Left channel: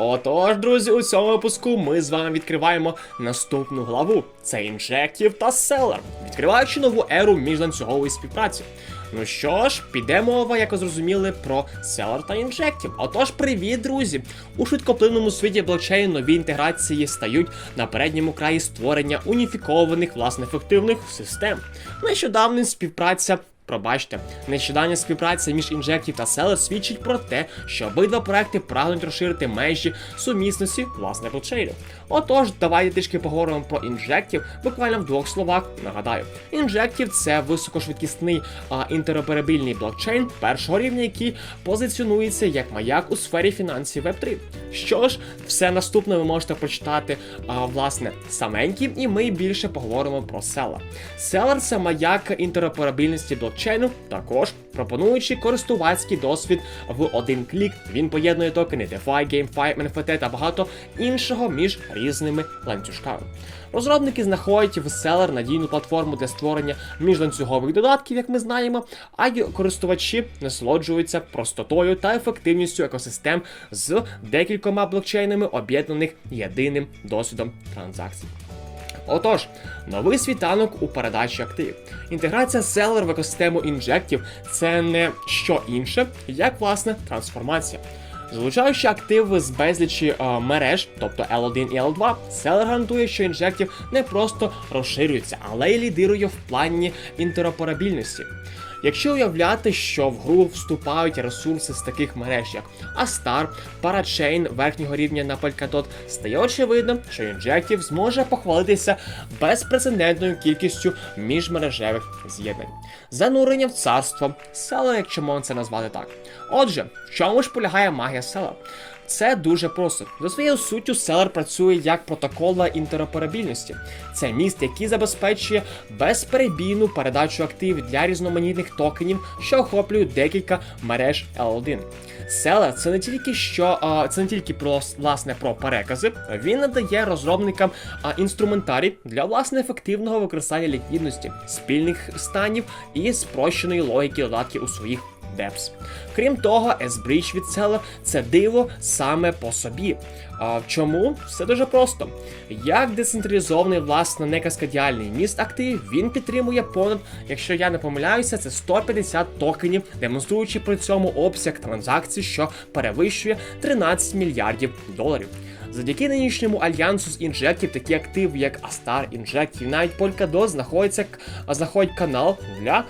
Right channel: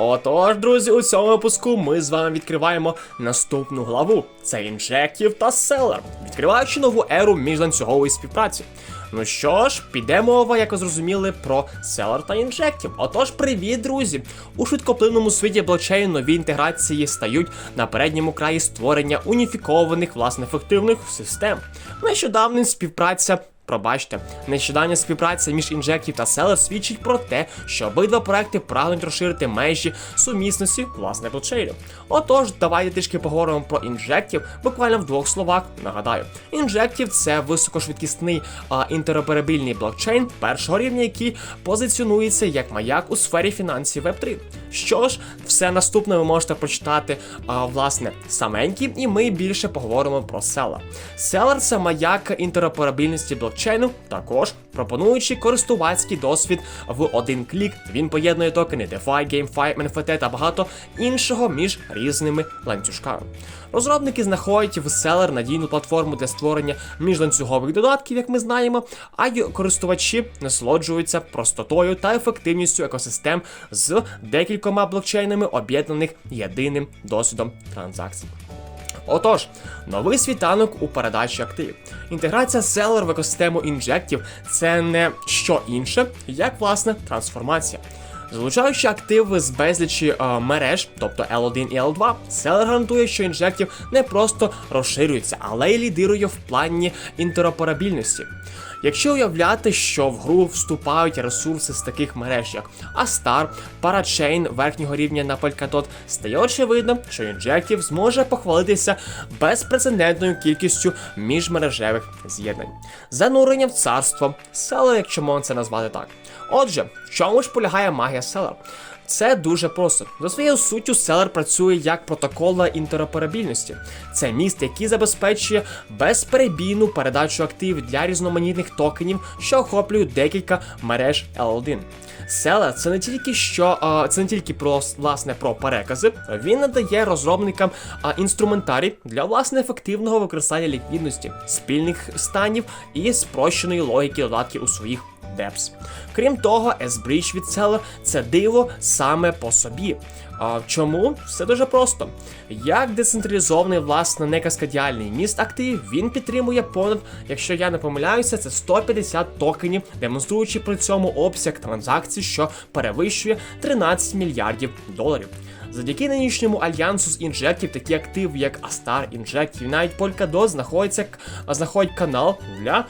Отож, друзі, у цьому випуску ми з вами відкриваємо наступну главу. Це інжектів та селер, відкриваючи нову еру міжланцюгової співпраці. Ну що ж, піде мова, як ви зрозуміли, про селер та інжектів. Отож, привіт, друзі! У швидкоплинному світі блокчейн нові інтеграції стають на передньому краї створення уніфікованих власне ефективних систем. Нещодавно співпраця Пробачте, нещодавня співпраця між інжектів та Селер свідчить про те, що обидва проекти прагнуть розширити межі сумісності власне блокчейнів. Отож, давайте трішки поговоримо про інжектів, буквально в двох словах. Нагадаю, інжектів це високошвидкісний а, інтероперабільний блокчейн першого рівня, який позиціонується як маяк у сфері фінансів Web3. Що ж, все наступне ви можете прочитати а, власне саменькі, і ми більше поговоримо про Селер. Селер це маяк інтероперабільності блокчейну, також пропонуючи користувацький досвід в один клік. Він поєднує токени DeFi, GameFi, NFT та багато іншого між різними ланцюжками. Розробники знаходять в Селер надійну платформу для створення міжланцюгових додатків, як ми знаємо, а й користувачі насолоджуються простотою та ефективністю екосистем з декількома блокчейнами, об'єднаних єдиним досвідом транзакцій. Отож, новий світанок у передачі активів. Інтеграція селер в екосистему інжектів це не що інше, як власне трансформація. Залучаючи активи з безлічі е, мереж, тобто L1 і L2, селер гарантує, що інжектів не просто розширюється, але й лідирує в плані інтероперабільності. Якщо уявляти, що в гру вступають ресурси з таких мереж, як Astar, Parachain верхнього рівня на Polkadot, стає очевидно, що Injective зможе похвалитися безпрецедентною кількістю міжмережевих з'єднань. Занурення в царство, село, якщо можна це назвати так. Отже, в чому ж полягає магія села? Це дуже просто. За своєю суттю селер працює як протокола інтероперабільності. Це міст, який забезпечує безперебійну передачу активів для різноманітних токенів, що охоплюють декілька мереж L1. Селер це не тільки що це не тільки про власне про перекази. Він надає розробникам інструментарій для власне ефективного використання ліквідності, спільних станів і спрощеної логіки додатків у своїх Депс. Крім того, S-Bridge від Seller – це диво саме по собі. А, чому? Все дуже просто. Як децентралізований, власне, некаскадіальний міст активів, він підтримує понад, якщо я не помиляюся, це 150 токенів, демонструючи при цьому обсяг транзакцій, що перевищує 13 мільярдів доларів. Завдяки нинішньому альянсу з інжектів, такі активи, як Astar, Injective, і навіть Polkadot знаходиться знаходять канал для,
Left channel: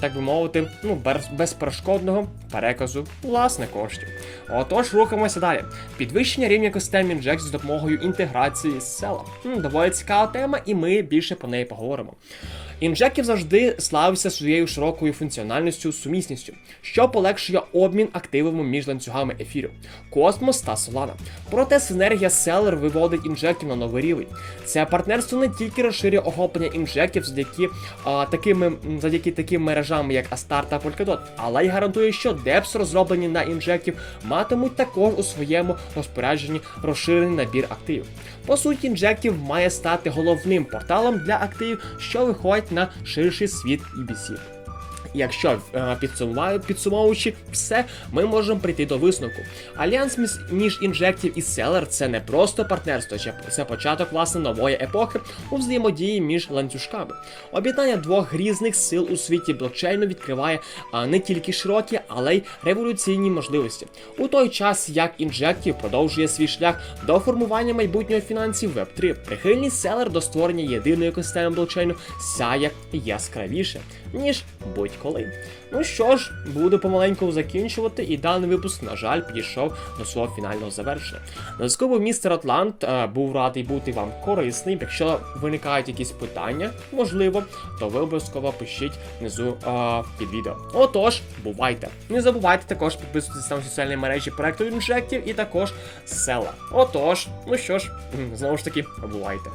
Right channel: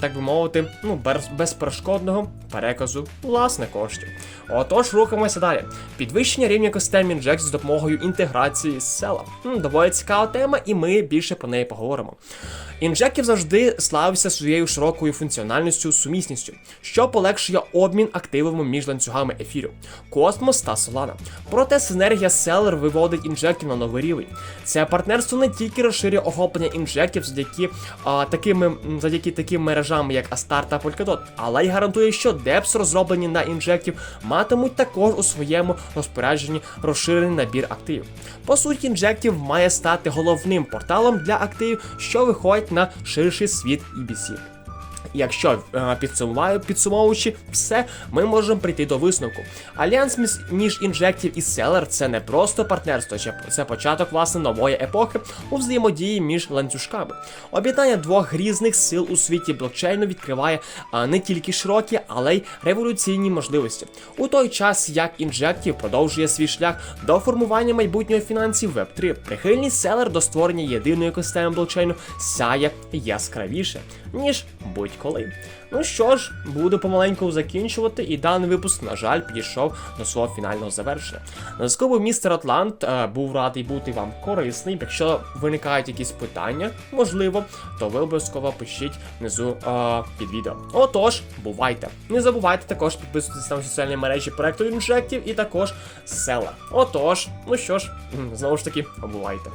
так би мовити, ну, безперешкодного переказу власне коштів. Отож, рухаємося далі. Підвищення рівня екосистем інжект з допомогою інтеграції з села. Доволі цікава тема, і ми більше про неї поговоримо. Інжектів завжди славився своєю широкою функціональністю, сумісністю, що полегшує обмін активами між ланцюгами ефіру, Космос та Solana. Проте синергія Селер виводить інжектів на новий рівень. Це партнерство не тільки розширює охоплення інжектів завдяки а, такими завдяки таким мережам, як Astar та Polkadot, але й гарантує, що депс, розроблені на інжектів, матимуть також у своєму розпорядженні розширений набір активів. По суті, інжектів має стати головним порталом для активів, що виходять на ширший світ EBC. Якщо е, підсумуваю, підсумовуючи все, ми можемо прийти до висновку. Альянс між, інжектів і селер це не просто партнерство, це початок власне нової епохи у взаємодії між ланцюжками. Об'єднання двох різних сил у світі блокчейну відкриває не тільки широкі, але й революційні можливості. У той час як інжектів продовжує свій шлях до формування майбутнього фінансів Web3, прихильність селер до створення єдиної екосистеми блокчейну сяє яскравіше, ніж будь-коли. Ну що ж, буду помаленьку закінчувати, і даний випуск, на жаль, підійшов до свого фінального завершення. На був містер Атлант, е, був радий бути вам корисним. Якщо виникають якісь питання, можливо, то ви обов'язково пишіть внизу е, під відео. Отож, бувайте. Не забувайте також підписуватися на соціальні мережі проекту інжектів і також села. Отож, ну що ж, знову ж таки, бувайте.